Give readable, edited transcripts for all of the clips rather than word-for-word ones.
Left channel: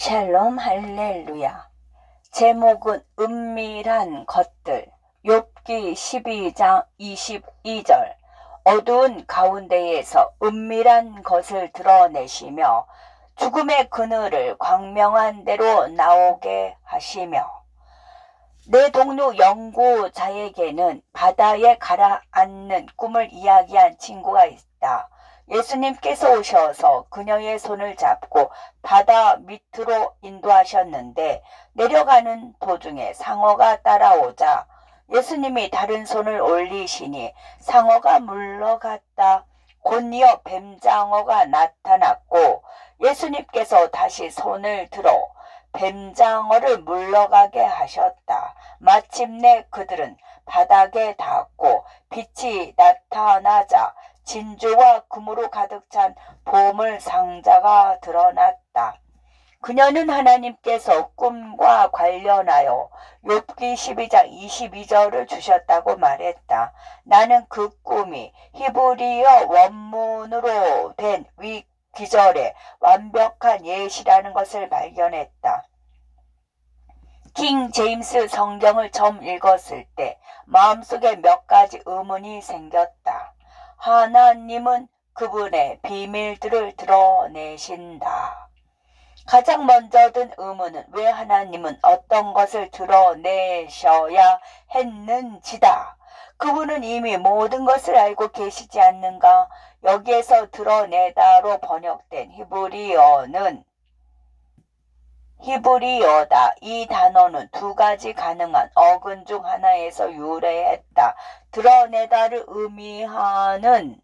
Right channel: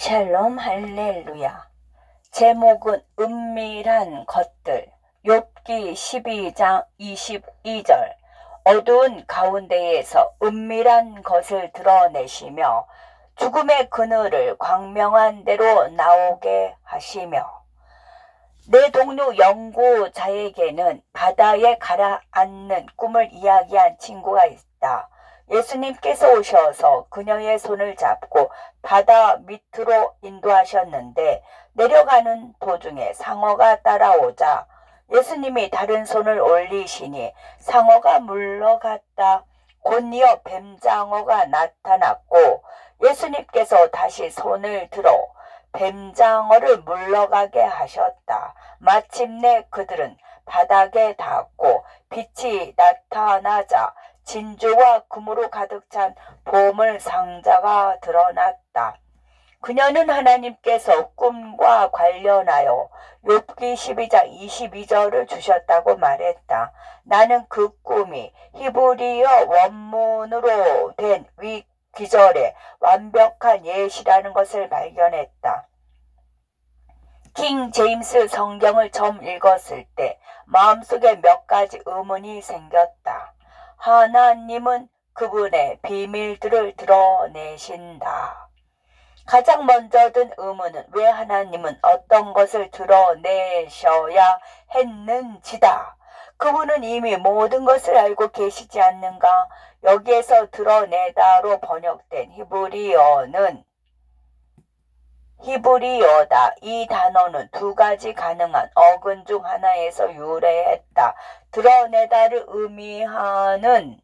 샬롬 할렐루야. 제목은 은밀한 것들. 욥기 12장 22절. 어두운 가운데에서 은밀한 것을 드러내시며 죽음의 그늘을 광명한 데로 나오게 하시며. 내 동료 연구자에게는 바다에 가라앉는 꿈을 이야기한 친구가 있다. 예수님께서 오셔서 그녀의 손을 잡고 바다 밑으로 인도하셨는데 내려가는 도중에 상어가 따라오자 예수님이 다른 손을 올리시니 상어가 물러갔다. 곧이어 뱀장어가 나타났고 예수님께서 다시 손을 들어 뱀장어를 물러가게 하셨다. 마침내 그들은 바닥에 닿았고 빛이 나타나자 진주와 금으로 가득 찬 보물 상자가 드러났다. 그녀는 하나님께서 꿈과 관련하여 욥기 12장 22절을 주셨다고 말했다. 나는 그 꿈이 히브리어 원문으로 된 기절의 완벽한 예시라는 것을 발견했다. 킹 제임스 성경을 처음 읽었을 때 마음속에 몇 가지 의문이 생겼다. 하나님은 그분의 비밀들을 드러내신다. 가장 먼저 든 의문은 왜 하나님은 어떤 것을 드러내셔야 했는지다. 그분은 이미 모든 것을 알고 계시지 않는가? 여기에서 드러내다로 번역된 히브리어다. 이 단어는 두 가지 가능한 어근 중 하나에서 유래했다. 드러내다를 의미하는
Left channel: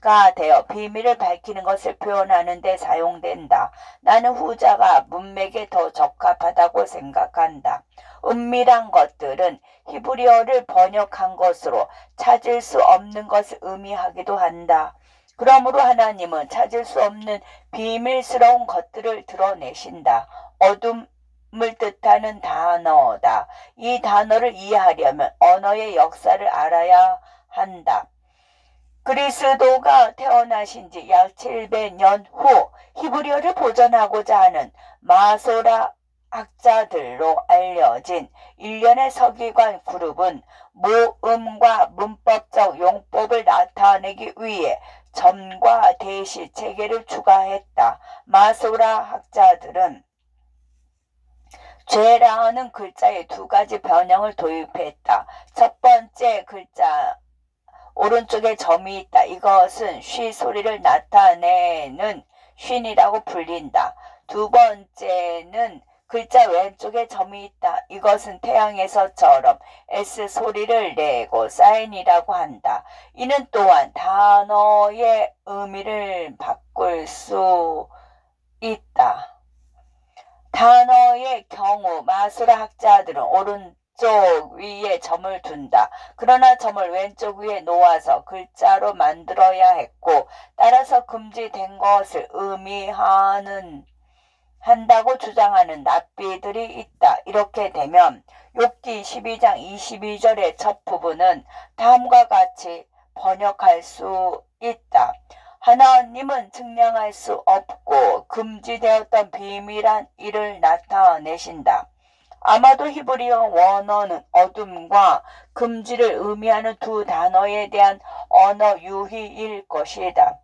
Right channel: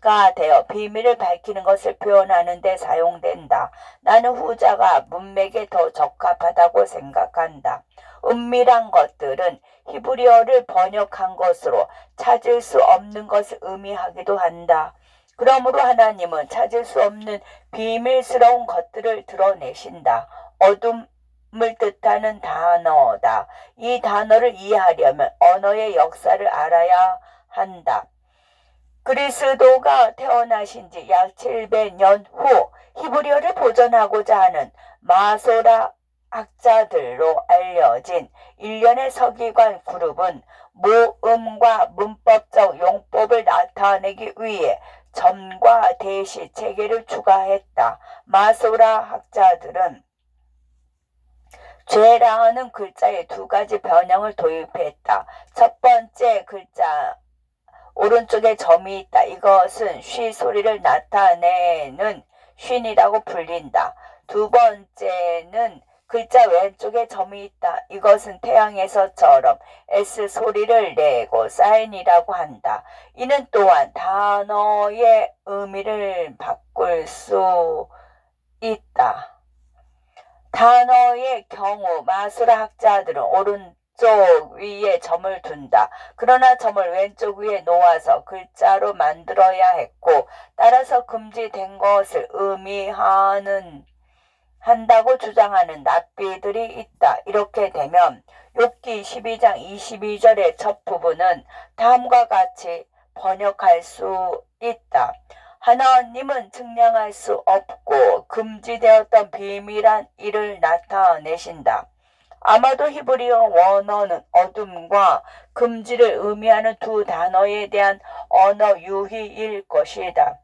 가 되어 비밀을 밝히는 것을 표현하는 데 사용된다. 나는 후자가 문맥에 더 적합하다고 생각한다. 은밀한 것들은 히브리어를 번역한 것으로 찾을 수 없는 것을 의미하기도 한다. 그러므로 하나님은 찾을 수 없는 비밀스러운 것들을 드러내신다. 어둠을 뜻하는 단어다. 이 단어를 이해하려면 언어의 역사를 알아야 한다. 그리스도가 태어나신 지 약 700년 후 히브리어를 보존하고자 하는 마소라 학자들로 알려진 일련의 서기관 그룹은 모음과 문법적 용법을 나타내기 위해 점과 대시 체계를 추가했다. 마소라 학자들은 죄라는 글자에 두 가지 변형을 도입했다. 첫 번째 글자 오른쪽에 점이 있다. 이것은 쉬 소리를 나타내는 쉰이라고 불린다. 두 번째는 글자 왼쪽에 점이 있다. 이것은 태양에서처럼 S 소리를 내고 사인이라고 한다. 이는 또한 단어의 의미를 바꿀 수 있다. 단어의 경우 마수라 학자들은 오른쪽 위에 점을 둔다. 그러나 점을 왼쪽 위에 놓아서 글자로 만들어야 했고 따라서 금지된 것을 한다고 주장하는 납비들이 있다. 이렇게 되면 욥기 12장 22절의 첫 부분은 다음과 같이 번역할 수 있다. 하나님은 측량할 수 없고 금지되었던 비밀한 일을 나타내신다. 아마도 히브리어 원어는 어둠과 금지를 의미하는 두 단어에 대한 언어 유희일 것이다.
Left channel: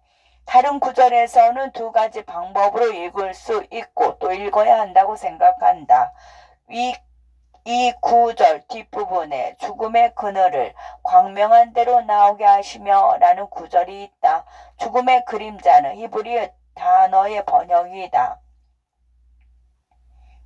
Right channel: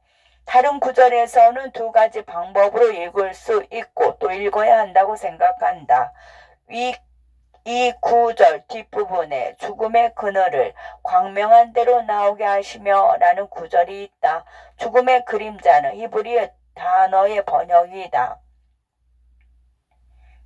다른 구절에서는 두 가지 방법으로 읽을 수 있고 또 읽어야 한다고 생각한다. 이 구절 뒷부분에 죽음의 그늘을 광명한 데로 나오게 하시며 라는 구절이 있다. 죽음의 그림자는 히브리어 단어의 번역이다.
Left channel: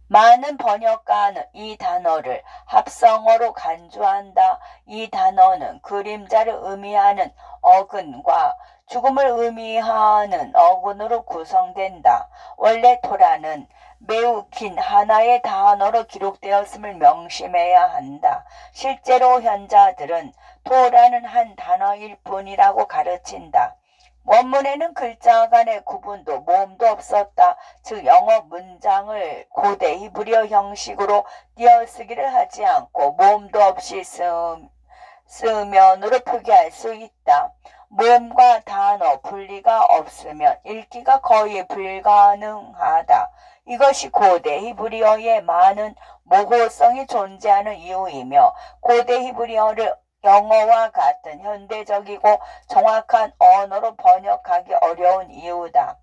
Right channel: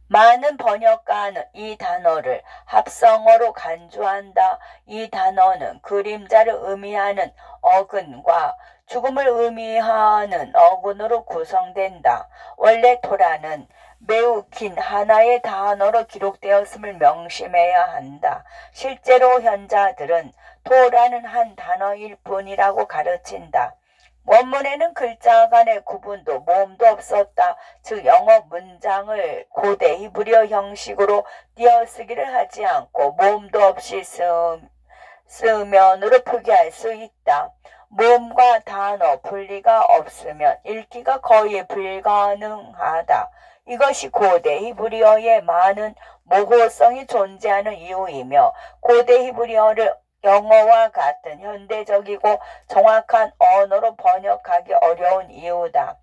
많은 번역가는 이 단어를 합성어로 간주한다. 이 단어는 그림자를 의미하는 어근과 죽음을 의미하는 어근으로 구성된다. 원래 토라는 매우 긴 하나의 단어로 기록되었음을 명심해야 한다. 실제로 현자들은 토라는 한 단어일 뿐이라고 가르친다. 원문에는 글자 간의 구분도 모음도 없었다. 즉 영어 문장을 고대 히브리어 형식으로 띄어쓰기를 하지 않고 모음도 없이 쓰면으로 표기할 수 있다. 모음과 단어 분리가 없으면 읽기가 거의 불가능하다. 이것이 고대 히브리어에 많은 모호성이 존재하는 이유이며 고대 히브리어를 영어와 같은 현대적이고 정확한 언어로 번역하기 어려운 이유다.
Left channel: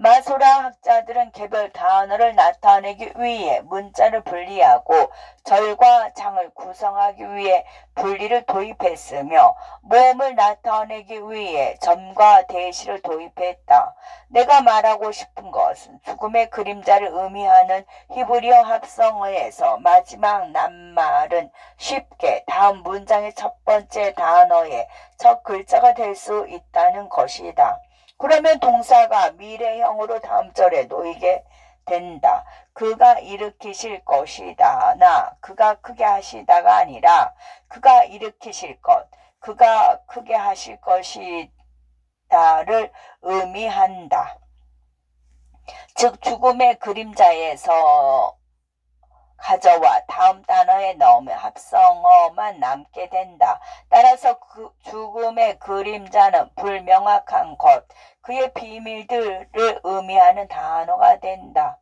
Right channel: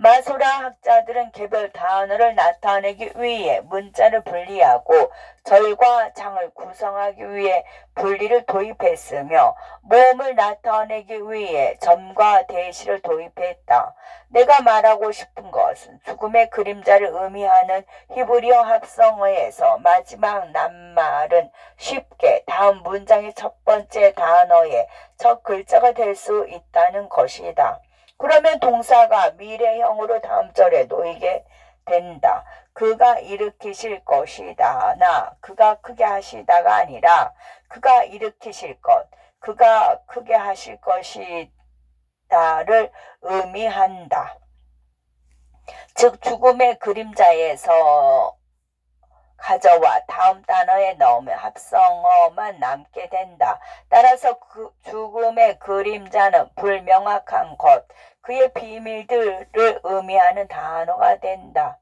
마소라 학자들은 개별 단어를 나타내기 위해 문자를 분리하고 절과 장을 구성하기 위해 분리를 도입했으며 모음을 나타내기 위해 점과 대시를 도입했다. 내가 말하고 싶은 것은 죽음의 그림자를 의미하는 히브리어 합성어에서 마지막 낱말은 쉽게 다음 문장의 첫 번째 단어의 첫 글자가 될 수 있다는 것이다. 그러면 동사가 미래형으로 다음 절에 놓이게 된다. 그가 일으키실 것이다. 나 그가 크게 하시다가 아니라 그가 일으키실 것, 그가 크게 하실 것이다를 의미한다. 즉 죽음의 그림자에서 가져와 다음 단어에 넣으면 합성어만 남게 된다. 따라서 죽음의 그림자는 불명확한 것, 그의 비밀들을 의미하는 단어가 된다.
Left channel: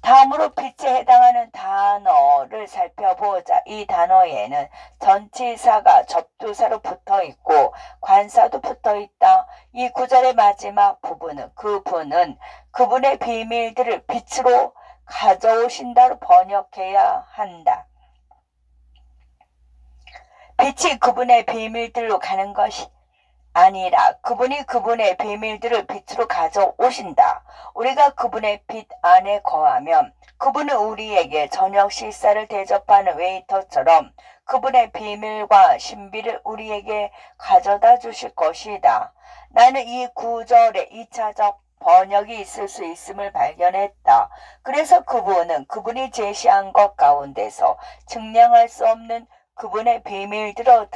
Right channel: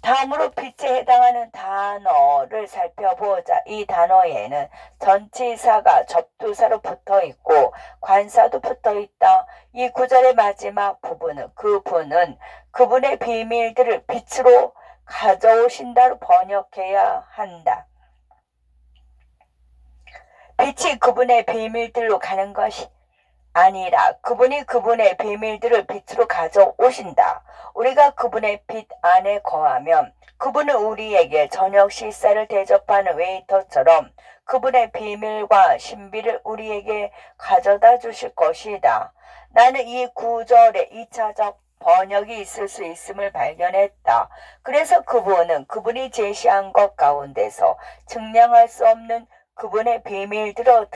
다음으로 빛에 해당하는 단어를 살펴보자. 이 단어에는 전치사가 접두사로 붙어있고 관사도 붙어있다. 이 구절의 마지막 부분은 그분은 그분의 비밀들을 빛으로 가져오신다로 번역해야 한다. 빛이 그분의 비밀들로 가는 것이 아니라 그분이 그분의 비밀들을 빛으로 가져오신다. 우리가 그분의 빛 안에 거하면 그분은 우리에게 저녁 식사를 대접하는 웨이터처럼 그분의 비밀과 신비를 우리에게 가져다 주실 것이다. 나는 이 구절에 2차적 번역이 있을 수 있음을 발견했다. 그래서 그분은 그분이 제시한 것 가운데서 증량할 수 없는 그분의 비밀들을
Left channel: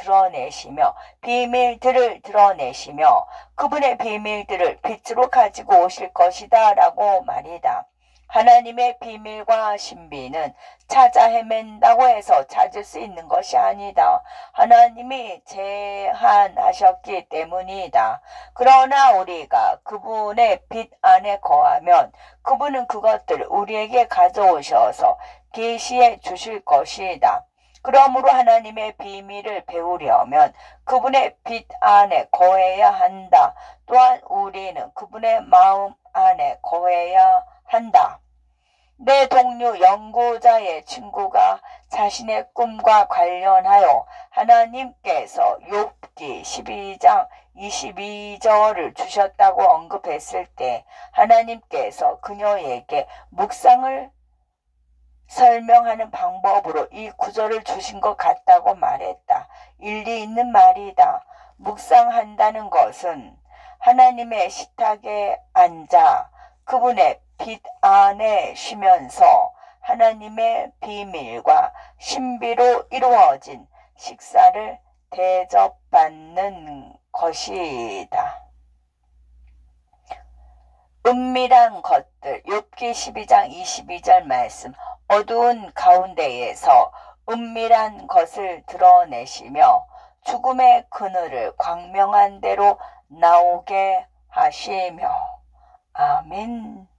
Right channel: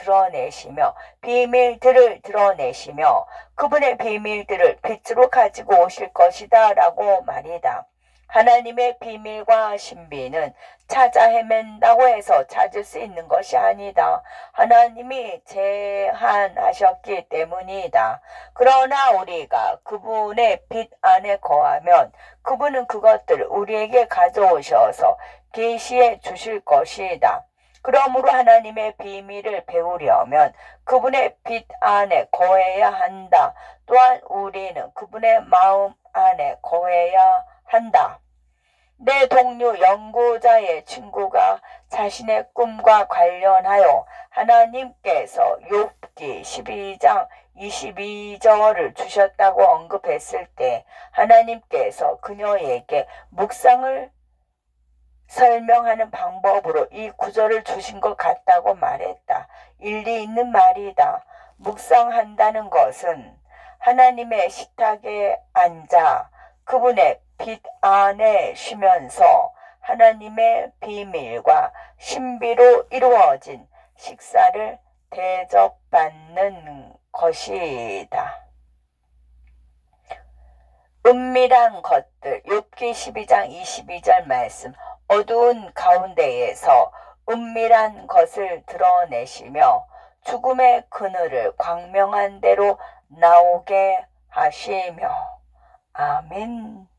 드러내시며 그분의 비밀들을 빛으로 가지고 오실 것이다 라고 말이다. 하나님의 비밀과 신비는 찾아 헤맨다고 해서 찾을 수 있는 것이 아니다. 하나님이 제한하셨기 때문이다. 그러나 우리가 그분의 빛 안에 거하면 그분은 그것들을 우리에게 가져오셔서 계시해 주실 것이다. 그러므로 하나님의 비밀을 배우려면 그분의 빛 안에 거해야 한다. 또한 우리는 그분의 마음 안에 거해야 한다. 내 동료 연구자의 친구가 자신의 꿈과 관련하여 하나님께서 욥기 12장 22절을 주셨다고 언급했을 때 하나님께서 그녀에게 묵상을 설명하는 방법으로 이 구절을 주신 것 같다고 말했다. 일리 있는 말이다. 묵상한다는 것은 하나님의 식탁에 앉아 그분의 빛 안에 쉬면서 하나님의 비밀과 신비로 이루어진 식사를 대접받는 것이다. 은밀한 것들, 욥기 12장 22절 말씀. 어두운 가운데에서 은밀한 것을 드러내시며 죽음의 그늘을 광명한 대로 나오게 하시며. 아멘.